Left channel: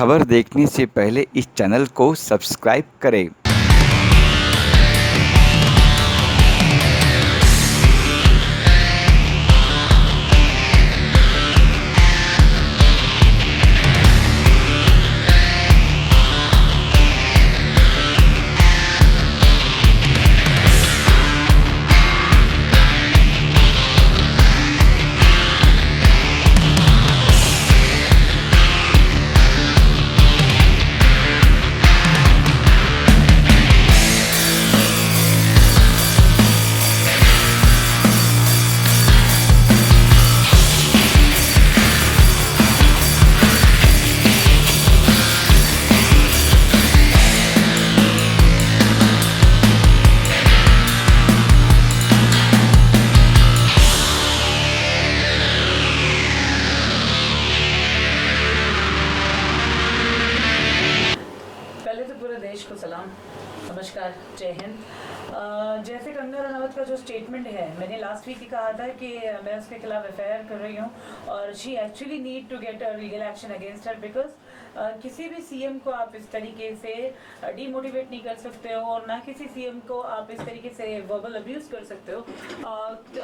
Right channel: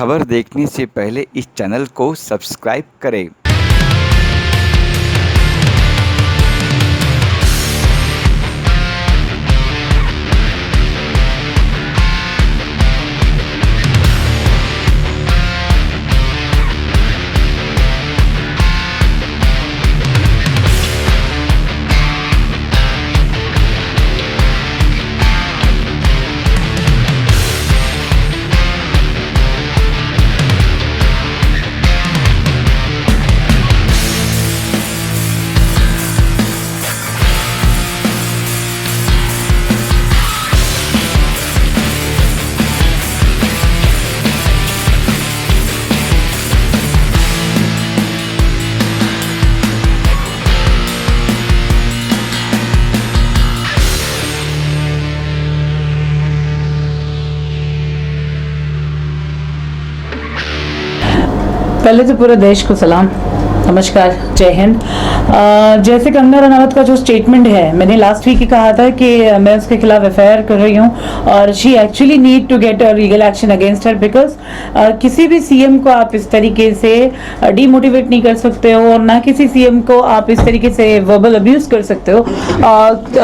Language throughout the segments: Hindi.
खबर देखने से पहले इस चैनल को सब्सक्राइब करें। पहले तो पूरे देश को सलाम, नमस्कार, जय हिंद। जैसे कंगना रनावत का जो स्टेटमेंट है, मैंने लास्ट वीक ही कहा था कि मैं उसके खिलाफ एफआईआर कर रही हूँ और she actually need to get a legal action against her, because किसी भी सीएम को आप इस तरीके से डीमोटिवेट नहीं कर सकते हो और ना किसी सीएम को आप इस तरीके से वर्बल अब्यूज कर सकते हो।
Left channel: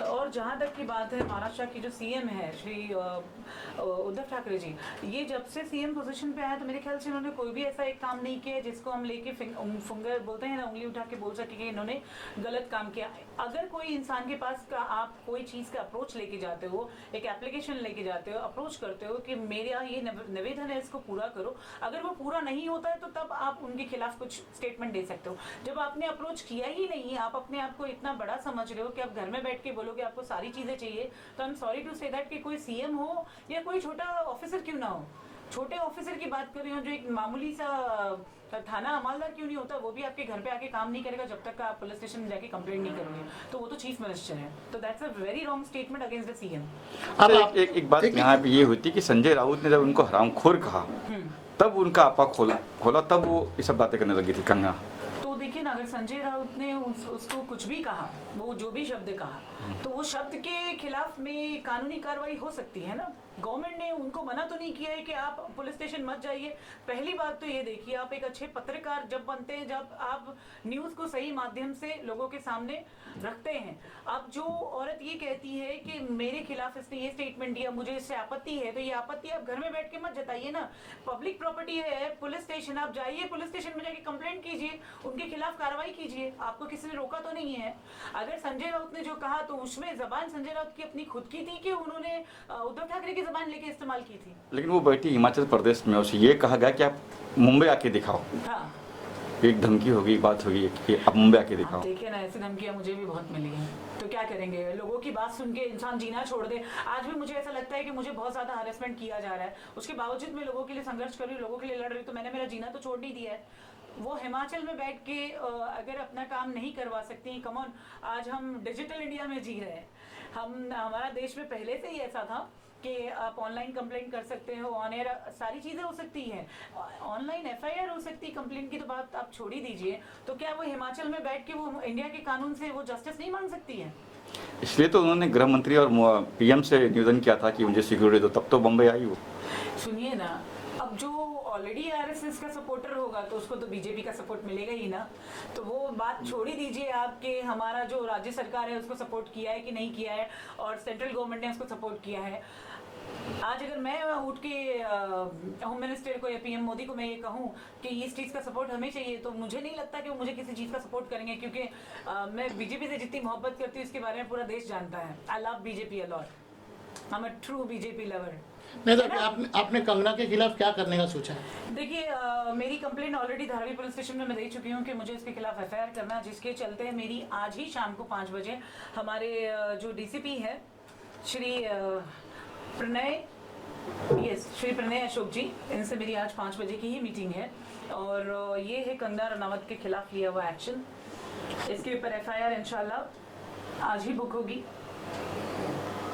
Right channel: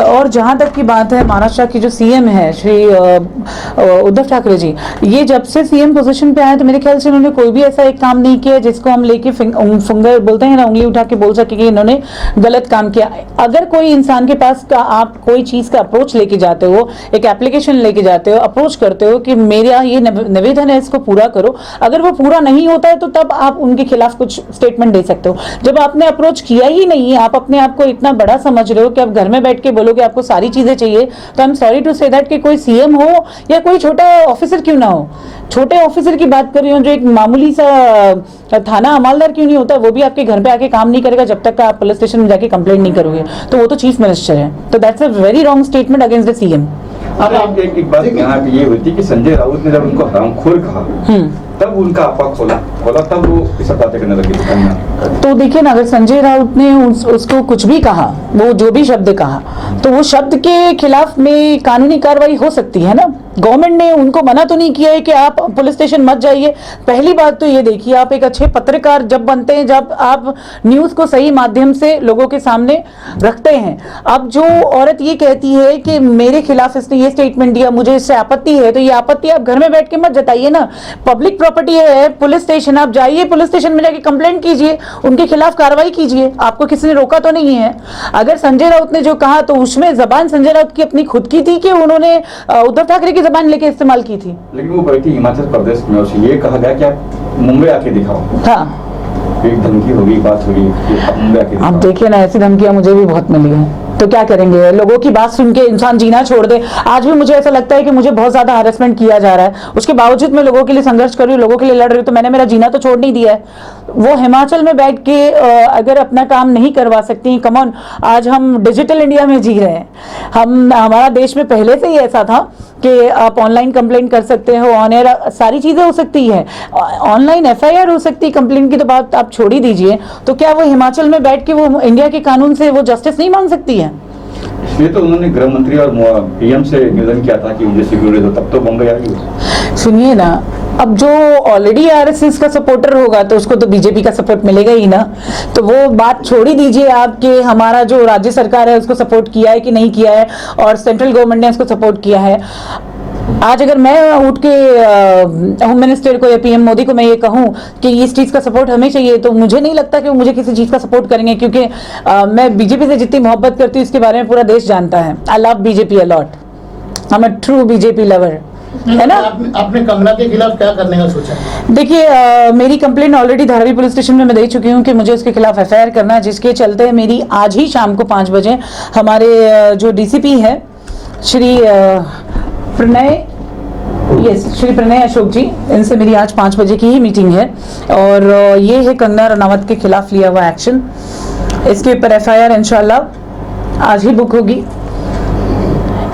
और जहाँ तक की बात है, महाराष्ट्र की जो सीएम है श्री उद्धव ठाकरे जी, ये जब से सीएम पोजीशन पे आए तो मेरे ख्याल से उन्होंने कोई भी ऐसा एक काम नहीं किया जिसको हम लेके फिंगर बोलते हैं ना, उंगली उठा के बोल सके कि इन्होंने गलत काम किया। अगर कोई इंसान के पास का आप कोई चीज का अप्रोच लेके जाते हो, एक एप्लीकेशन लेके जाते हो, अप्रोच करते हो कि मेरा ये निवेदन है, इसको पूरा करो, अगर वो पूरा नहीं होता है तो तब आप उनके खिलाफ कुछ स्टेटमेंट दे सकते हो। जब आपने अप्रोच किया ही नहीं, आप अपने आप को इतना बड़ा समझ रहे हो कि आप घर में बैठ के बोलोगे आपको सारी चीजें चाहिए, तो I am sorry to say that कि कोई सीएम हो या कोई छोटा ऑफिसर क्यों ना हो, छोटे ऑफिसर की बात कर रही हूँ, जो एक मामूली सा थाना अमालदार क्यों नहीं होता, वो भी आपके घर पे आके काम नहीं करेगा जब तक आप पुलिस स्टेशन में जाके कंप्लेंट नहीं करोगे, तो वो तो चीफ मिनिस्टर है। तो that's a very wrong statement against the CM. अब आप एक बात यहाँ पे ये होती है कि संजय राउत ने जब उनको हरामखोर कहा तब उनका आपा खोला तब वो इस बातें करने लगे। तो देखिए ना, अगर संजय राउत ने उसको कुछ भी कहा, वो जो भी शब्द कहा, तो वो शब्द के खिलाफ में कानूनी कार्रवाई हो सकती है ना। गवर्नमेंट ने उनको मना तो नहीं किया है कि आप पुलिस स्टेशन मत जाइए। पहली बात तो ये देखिए, आप एक अच्छे पत्रकार जब बनते हैं, जब आप न्यूज को सही माध्यम से लोगों के सामने रखते हैं। अब जो औरत ये कहती है कि मेरे खिलाफ इसने ये स्टेटमेंट दिया, मुझे इससे आपत्ति है, तो ये आपत्ति आप घर में बैठ के मत जताइए ना। पब्लिक प्रॉपर्टी है पुलिस स्टेशन, आप जाइए पुलिस स्टेशन में जाके कंप्लेंट कीजिए, उनके खिलाफ कार्रवाई कीजिए, आपको किसी ने रोका तो नहीं है। अगर संजय राउत ने जो कहा तो उसमें जबान संजय राउत की अपनी खुद की थी कि उन्होंने उद्धव ठाकरे की जबान लेके इस्तेमाल की थी। लेकिन वो बैठी हिमाचल प्रदेश में, उसे ये कहा गया कि आप मुंबई आके दिखाओ। हाँ, एक धमकी होगी, बात होगी कि आप मुंबई आके दिखाओ। आप देखिए ना, ऐसी धमकियां मुझे भी बहुत मिली है, तो क्या करेंगे, लोगों की बात सुन के इंसान जीना छोड़ दे। आज भी मुझे ऐसा लगता है कि मुझे बहुत ज्यादा हैरेसमेंट किया जा रहा है, उसके बावजूद मैं लोगों के लिए संघर्ष कर रही हूँ, लोगों के लिए लड़ रही हूँ, तो मैंने मेरा जीना तो छोड़ नहीं दिया है। वो हिमाचल में बैठ के अगर अपना काम नहीं करवा सकती, कम ऑन, आज हम डिजिटल इंडिया में जी रहे हैं। हमारा देश में पहले से ही ऐसा था कि आप ऑनलाइन कंप्लेंट कर सकते हो, ऑन एयर सारी चीजें हो सकती है, ऑनलाइन एफआईआर हो सकती है, कंप्लेंट की तो बात आप छोड़ ही दीजिए। तो क्या वो हिमाचल में बैठ के वो इंडिया के कानून से वो जस्टिस नहीं मांग सकती है? इसलिए तो उन्होंने गृह मंत्री और पीएम से निवेदन किया था कि मुझे सिक्योरिटी दो, तब तो बम्बई आई। सुनिए ना, अब जो ऑलरेडी आरएसएस का सपोर्टर होगा तो उसको तो बीजेपी का सपोर्ट मिलेगा ही ना, तो वो बात छोड़ ही दीजिए आप कि हमारा जो राज्य सरकार है उसको सपोर्ट किया है कि नहीं किया है और सेंट्रल गवर्नमेंट ने उसको सपोर्ट किया है। आज अगर मैं उठ के होम मिनिस्टर को या पीएम मोदी को मैं ये कहूं कि इस चीज का सपोर्ट हमें चाहिए, तो मुझे नहीं लगता कि वो मुझे किसी चीज का सपोर्ट करेंगे, क्योंकि मैं बीजेपी से जितनी मोहब्बत करती हूँ इसके बारे में पूरा देश जानता है। I love BJP a lot, I am a true BJP lover, है ना। आपने कंगना के खिलाफ क्या करने का सोचा? देखिए, मेरी complaint already Dharavi police station में मैं दे चुकी हूँ कि मुझे उसके खिलाफ एफआईआर करना है, जिसके चलते मेरी आज ही शाम को 5 बजे हमारे जो डीसीपी है श्री प्रणय अशोक जी, इनसे मेरी आज 5 बजे की ही मीटिंग है और ये है कंगना रनावत के खिलाफ लिया हुआ एक्शन। इसके ऊपर एफआईआर इंशाल्लाह आज ही बुक होगी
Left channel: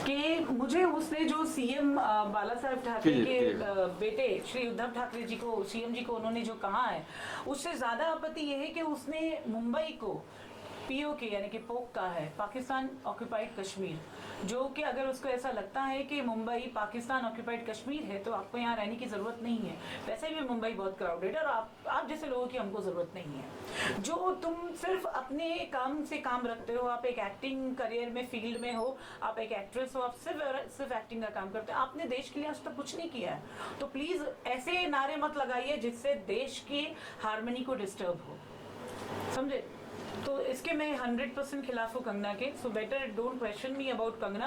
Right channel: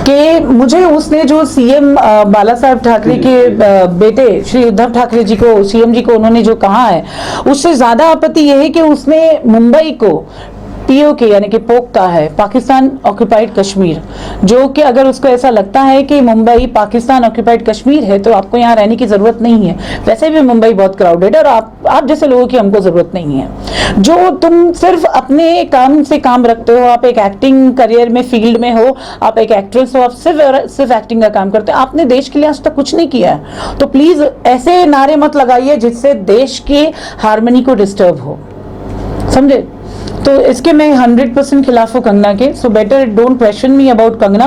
कि मुझे उसने जो सीएम बाला साहब ठाकरे के बेटे श्री उद्धव ठाकरे जी को, सीएम जी को उन्होंने जो कहा है, उससे ज्यादा आपत्ति यह है कि उसने मुंबई को POK यानी कि पोक्ता है, पाकिस्तान ऑक्यूपाइड कश्मीर, जो कि अगर उसको ऐसा लगता है कि मुंबई पाकिस्तान ऑक्यूपाइड कश्मीर है तो आपको यहाँ रहने की ज़रूरत नहीं है। वैसे भी मुंबई बहुत क्राउडेड है और आप जैसे लोगों की हमको ज़रूरत नहीं है। जो तुम सिर्फ अपने काम से काम रखते हो, आप एक एक्टिंग करियर में फील्ड में हो, आप एक एक्ट्रेस हो, आप सिर्फ एक्टिंग का काम करते हो, आपने देश के लिए आज तक कुछ नहीं किया है। तो प्लीज़ ऐसे नारे मत लगाइए जिससे देश की हार्मनी को डिस्टर्ब हो, समझे? तो इसके मैं 100% खिलाफ हूँ कंगना के। So better don't question me about Kangana.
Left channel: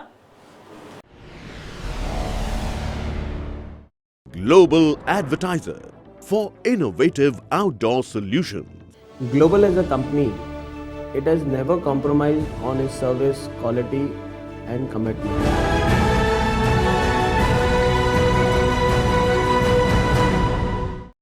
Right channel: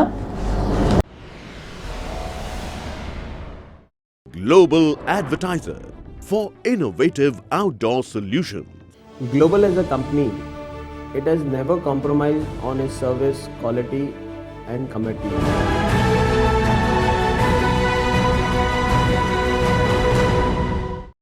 Global advertiser for innovative outdoor solutions. Global as a company, it has never compromised on its service quality and commitment.